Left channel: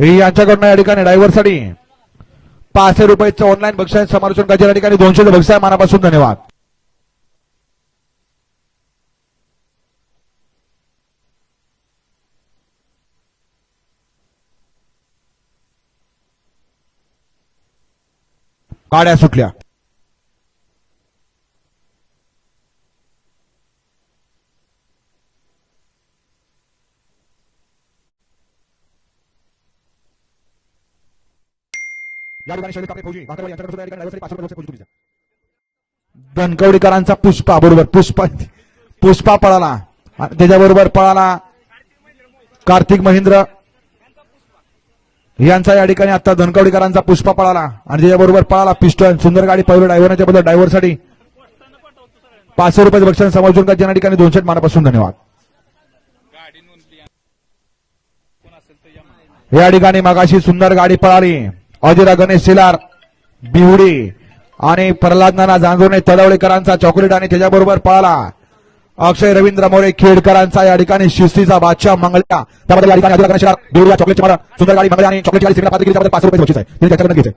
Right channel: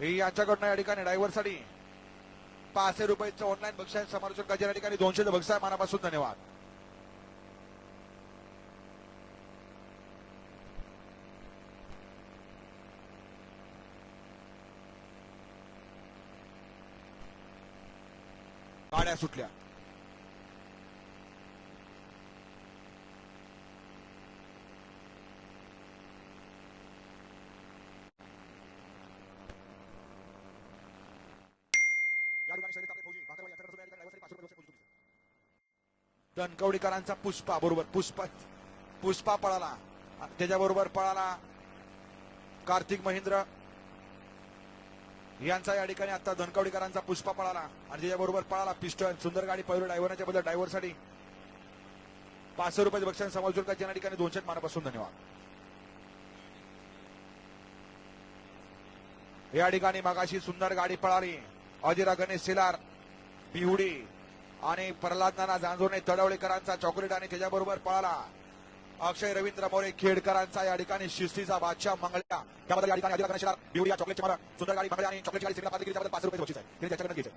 यांच्याकडनं या ठिकाणी ड्रायव्हरसाठी पाचशे रुपयाचं ऑनलाईन बक्षीस समालोचन करायचे या ठिकाणी दोनशे बक्षीस आहे. मनापासून धन्यवाद. गाड्या सुटल्या. या ठिकाणी शैलेश कापडे फौजी भाकरवाडी यांच्याकडे सुद्धा या ठिकाणी पाचशे रुपये फौजी तुमच्या. दणकवडीकरांचा पुष्पा बरोबर पुष्पा पुष्पा पळाला. त्याच्याबरोबर पळाला कार्तिक महेंद्र. यांचा या ठिकाणी आता धनकवडीकरांचा पुष्पा पळाला. आणि त्याच्याबरोबर पळाला पिस्टन. सुंदर गाडी पहिलं ड्रायव्हरच्या बद्दल ड्रायव्हरसाठी. पाचशे रुपये बक्षण समजून का ज्या ठिकाणी दोनशे मानापासून धन्यवाद. या ठिकाणी मगाशी सुंदर गाडी पळाली. अजिरा गणेश शिलार बिहुडी आणि प्रल्हाद नाना जांजुर्णे तडवळेकरांचा चॉकलेट आणि त्याच्याबरोबर पळाला अक्षय रवींद्र मोरे खेडकरांचा या ठिकाणी शिस्तीचा बादशाह मंगळ्या त्याबद्दल या ठिकाणी अजिरा गणेश चॉकलेटची मला सुंदर गाडी मंगळ्या आणि चॉकलेटची गाडी पात्र केली पाच रुपये बक्षीस आहे. तिने त्याच्याकडे घ्यायचे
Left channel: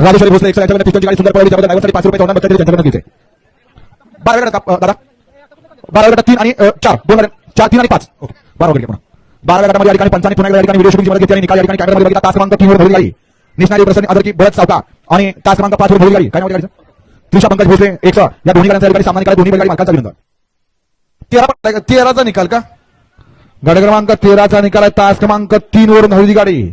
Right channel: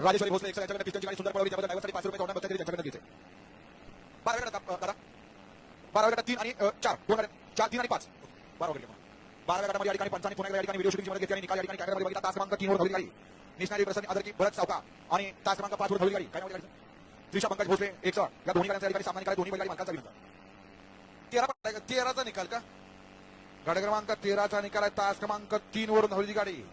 राजेश्वरी भोसले एकशे यांच्याकडे गाडी सुंदर पळवली त्याबद्दल पाच रुपये ऑनलाईन बक्षीस त्यांच्याकडे घ्यायचे बारा दादा? बारा तीन आणि चार. दोन चार तीन आणि पाच. ओके. बारा वगैरे बारा गटामध्ये या ठिकाणी पंचाने पुन्हा या ठिकाणी व्हिडिओ शूटिंगमध्ये घेतली आणि निकाल या ठिकाणी कॅमेरामध्ये बघितला तास क्रमांक तीन वर भरली गाडी. निष्णारी प्रसन्न अदर की बळत सावका आणि तास क्रमांक पाच वर भरली गाडी. काय नाव त्या गाडीचं? त्रिशा पंकज भोसले एकशे या दोन्ही गाड्यांचा या ठिकाणी सामना निकाल दोन्ही बैलगाडी मालकांचा विनंती तेरा पट- का? तेराचा निकाल का? गड क्रमांक तेराचा निकाल आहे तास क्रमांक तीन वरून हळदी गाडी.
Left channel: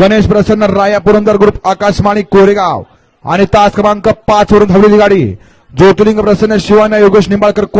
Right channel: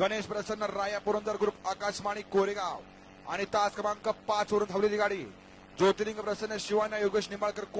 गणेश प्रसन्न राया पुरंदर ग्रुप आकाशवाणी कोरेगाव. आणि तास क्रमांक पाच वरून हळदी गाडी. ज्योतिर्लिंग प्रसन्न शिवाना योगेश निंबाळकर कोण?